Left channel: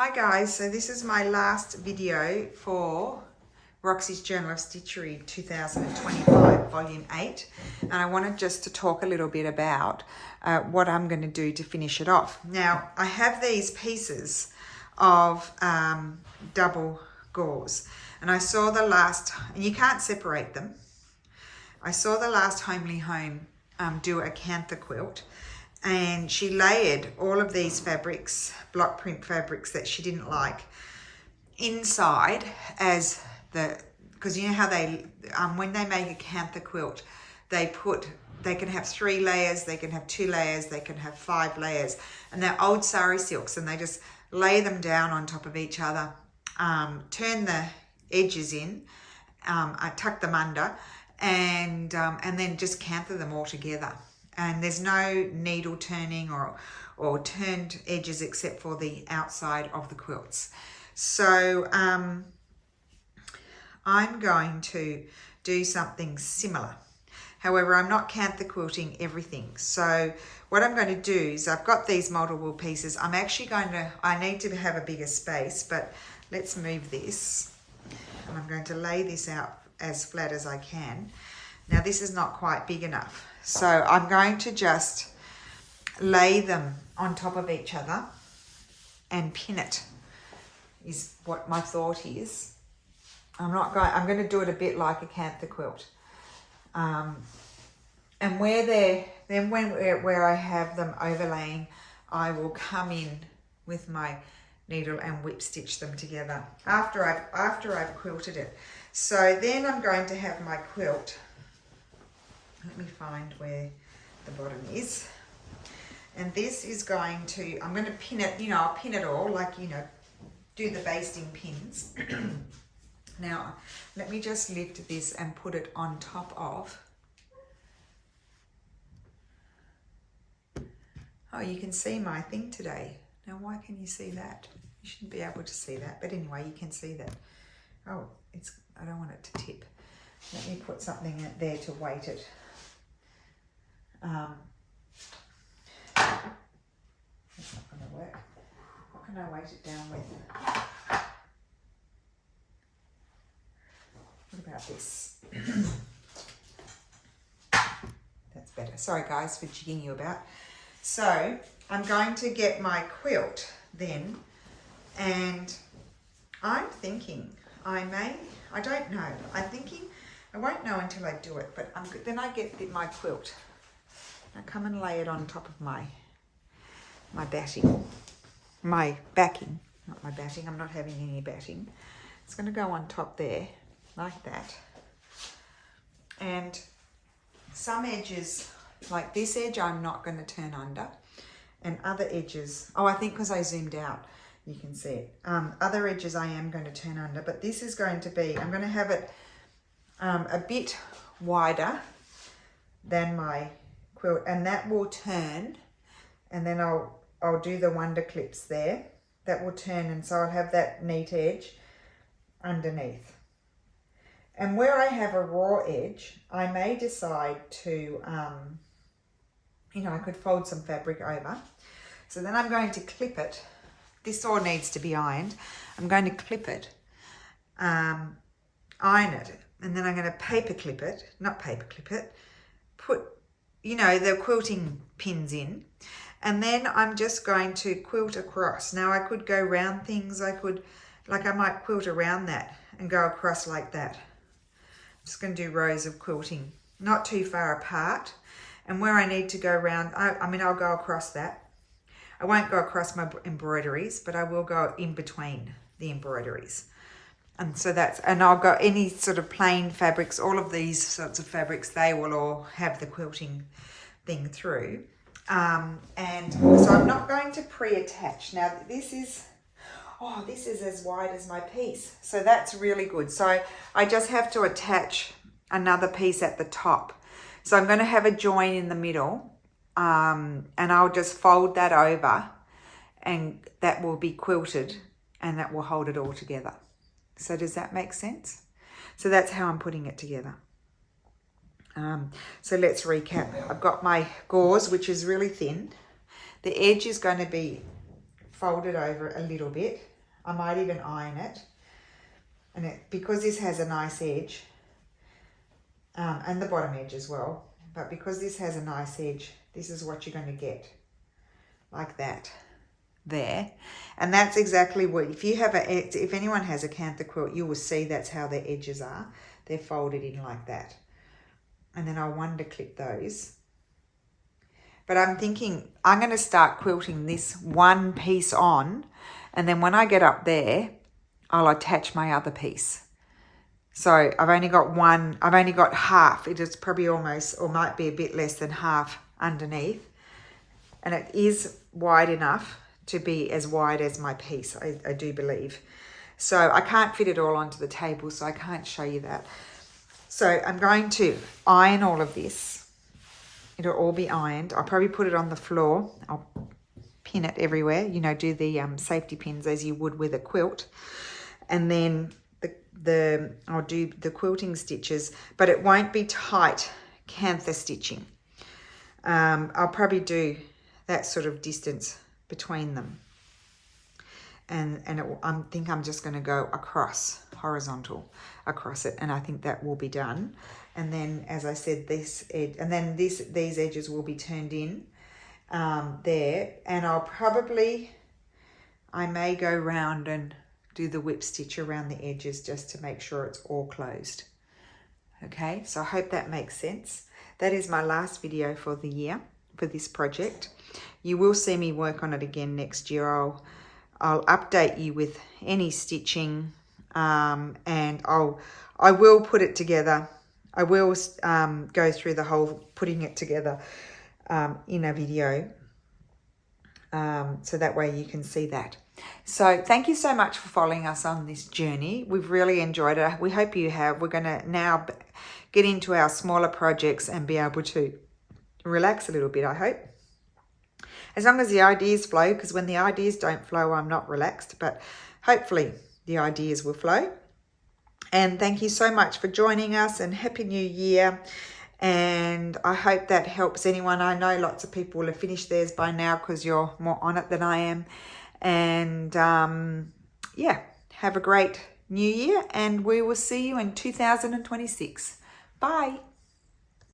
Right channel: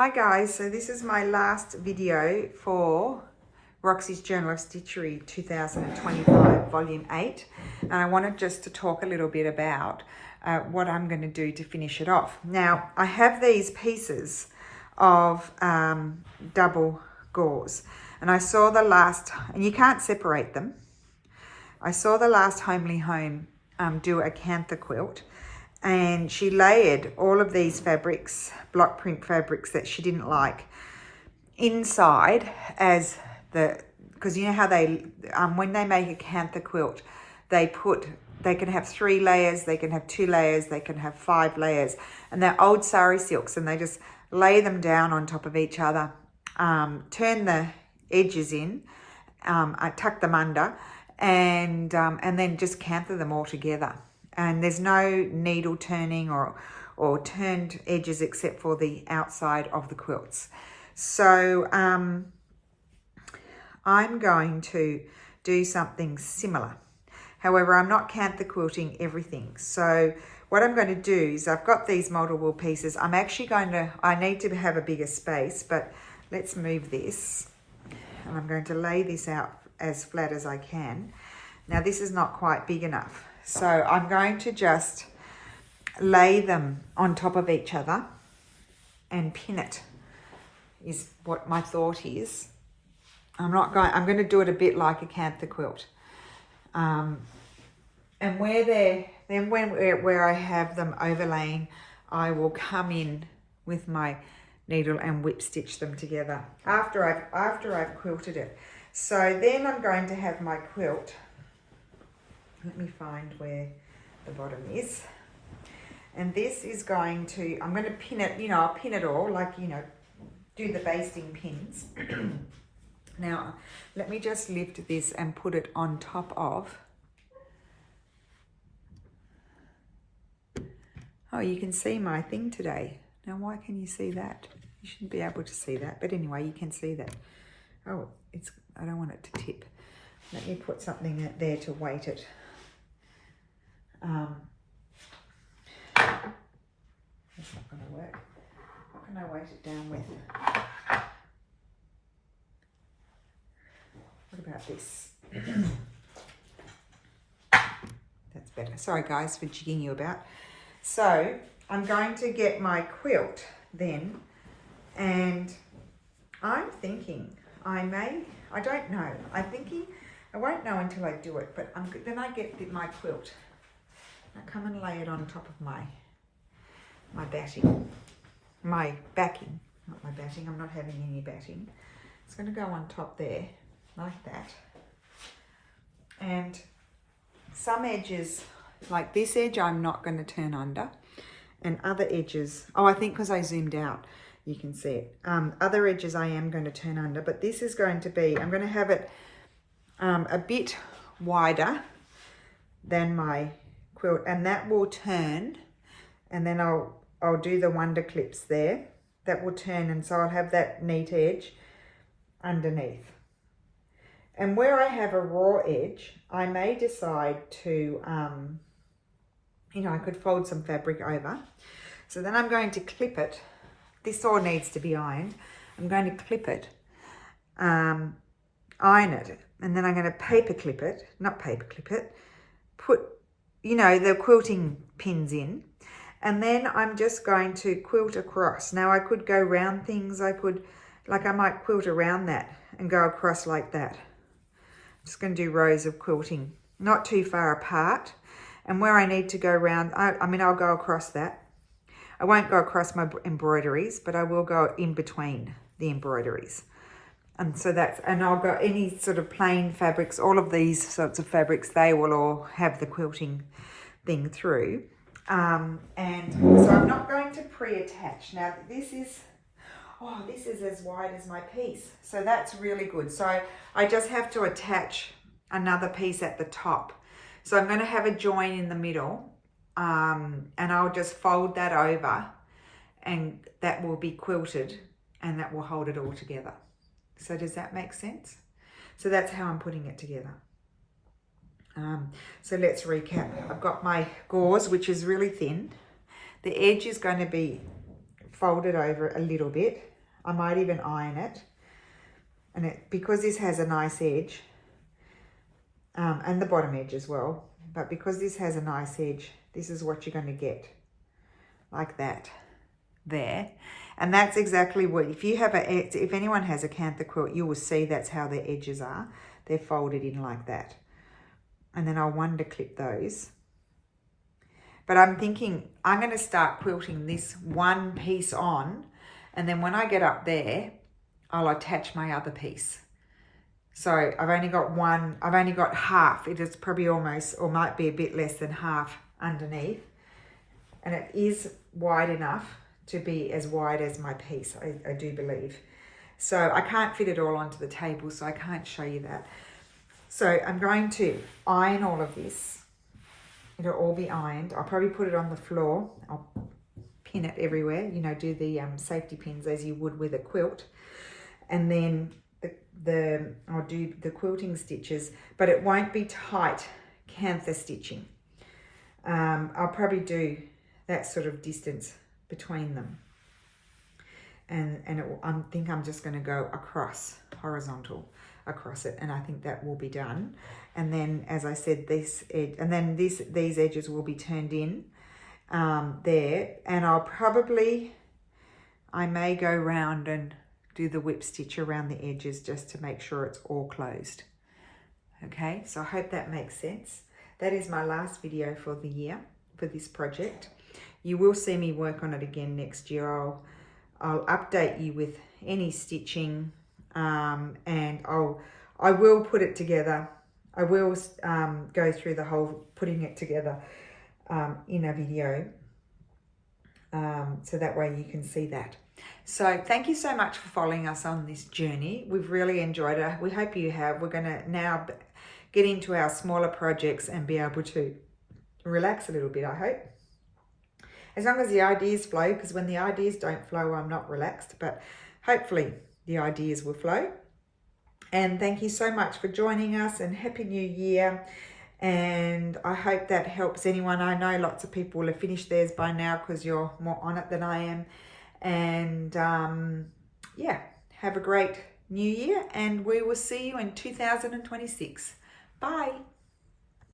Hi guys, so this is my last video for Roxy's Journal of Stitchery 2025 Volume 8, and I wanted just to talk a little bit about what I'm going to do to finish it off. Now, I have these pieces of double gauze, and I saw the last, and you can't separate them, I saw the last Homely Home do a Cantha quilt, and she layered all of these fabrics, block print fabrics that she didn't like, inside as because you know how they, when they make a Cantha quilt, they can have 3 layers, they can have 2 layers, they can have 5 layers, and they're old sari silks, and they just lay them down on top of each other, turn the edges in, I tuck them under, and then just Cantha them all together. And there's no needle turning or turned edges except for the outside of the quilts. So I'm going to do something similar. However, I'm not Cantha quilting everything. So what I'm going to do is, I've got these multiple pieces. I'm actually I need to have a bigger space, but let's move this. And I'm going to lay this out as flat as I can. Now this is not quite big enough. So I'm going to just lay them on top of each other and pin it, is what my thought is. I'm going to do it a bit like a Cantha quilt. And where I have them overlaying, I will come in with my needle and whip stitch them together after I've quilted it. So then I'm going to have my quilt. Let me find where the bottom is. And this is going to, I'm going to pin it, I'll pin it all, like, do the basting pins. Now, let me just lift this and put it on top of. Oh, you can see my thing today. Now, why can you see that? You shouldn't be able to see that, but anyway, you can see that. Oh, I don't want it to tip. Let me put something there to weight it. It's not going to work. What can I weight it down with? What about this? That's better. Sorry guys for jigging you about. So I'm going to get my quilt then, and I'm thinking I don't know. I'm thinking I won't know until I do it, but then I get my quilt. Now come and lay it on top of my backing, not my batting. I'm not having any batting. It's going to go on top there, like that. And some edges, like this edge, I'm not going to turn under, and other edges, I think because I zoomed out, you can see it. Other edges I am going to turn under, but this is going to be, I'm going to have it a bit wider than my quilt, and that will turn, and then I'll do the wonder clips there. That will turn, and so I'll have that neat edge underneath. And where I have a raw edge, I may decide to, I could fold some fabric over. So then I'm going to clip it. This all needs to be ironed. I'm going to clip it, iron it, and then I'm going to put the quilting pins in, and then I'm just going to quilt across. Now I could go round things, I might quilt around that and go across like that. I'm just going to do rows of quilting, not too far apart, and where I need to go round, I'll go across that. I won't go across my embroideries, but I will go in between the embroideries. And so and I'll go any sort of plain fabrics, all of these sorts of fabrics, they will all have the quilting thing through. And so I'm not going to pre-attach. Now this is as wide as my piece. So that's really good. So I just have to attach another piece at the top. So I'm going to have a join in the middle, and I'll just fold that over, and that will be quilted, and that will hold it all together. So does that make sense? So that's how I'm putting it together. So let's recap. I've got my gauze, which is really thin. The edge is going to be fold it over a little bit. I might even iron it. And because this has a nice edge, and the bottom edge as well, but because this has a nice edge, this is what you're going to get, like that, there. And that's exactly what, if anyone has a Cantha quilt, you will see that's how their edges are. They're folded in like that. And then I'll wonder clip those. But I'm thinking I'm going to start quilting this one piece on, and then when I get up there, I'll attach my other piece. So I've only got half. It is probably almost, or might be a bit less than half underneath. And it is wide enough to be as wide as my piece, I do believe. So I can't fit it all onto the table, so I can't show you that. So I'm going to iron all of this. It'll all be ironed. I'll probably put it on the floor. I'll pin it everywhere, you know, do the safety pins as you would with a quilt. And then I'll do the quilting stitches, but it won't be tight Cantha stitching. I'll probably do that sort of distance between them. And I think I'm just going to go across, horizontal across it, and I think that will be done. And then, as I said, this edge, and then these edges will be turned in there. And I may go round and do the whip stitch around the edges just to make sure it's all closed. Okay, so I hope that makes sense. That is my last video for the year for this project. You will see me work on it again next year. I'll update you with any stitching, and I will put it together. I will go through the whole putting it together in a video, so that way you can see that. So thank you so much for following us on this journey. We've really enjoyed it. We hope you have. We're going to now get into our smaller projects and be able to relax a little bit, I hope. As long as the ideas flow, because when the ideas don't flow, I'm not relaxed, but hopefully the ideas will flow. And thank you so much for joining us, and Happy New Year. And I hope that helps anyone. I know lots of people will have finished theirs by now because you're more on it than I am. And yeah, have a great new year, and we will see you in 2026. Bye.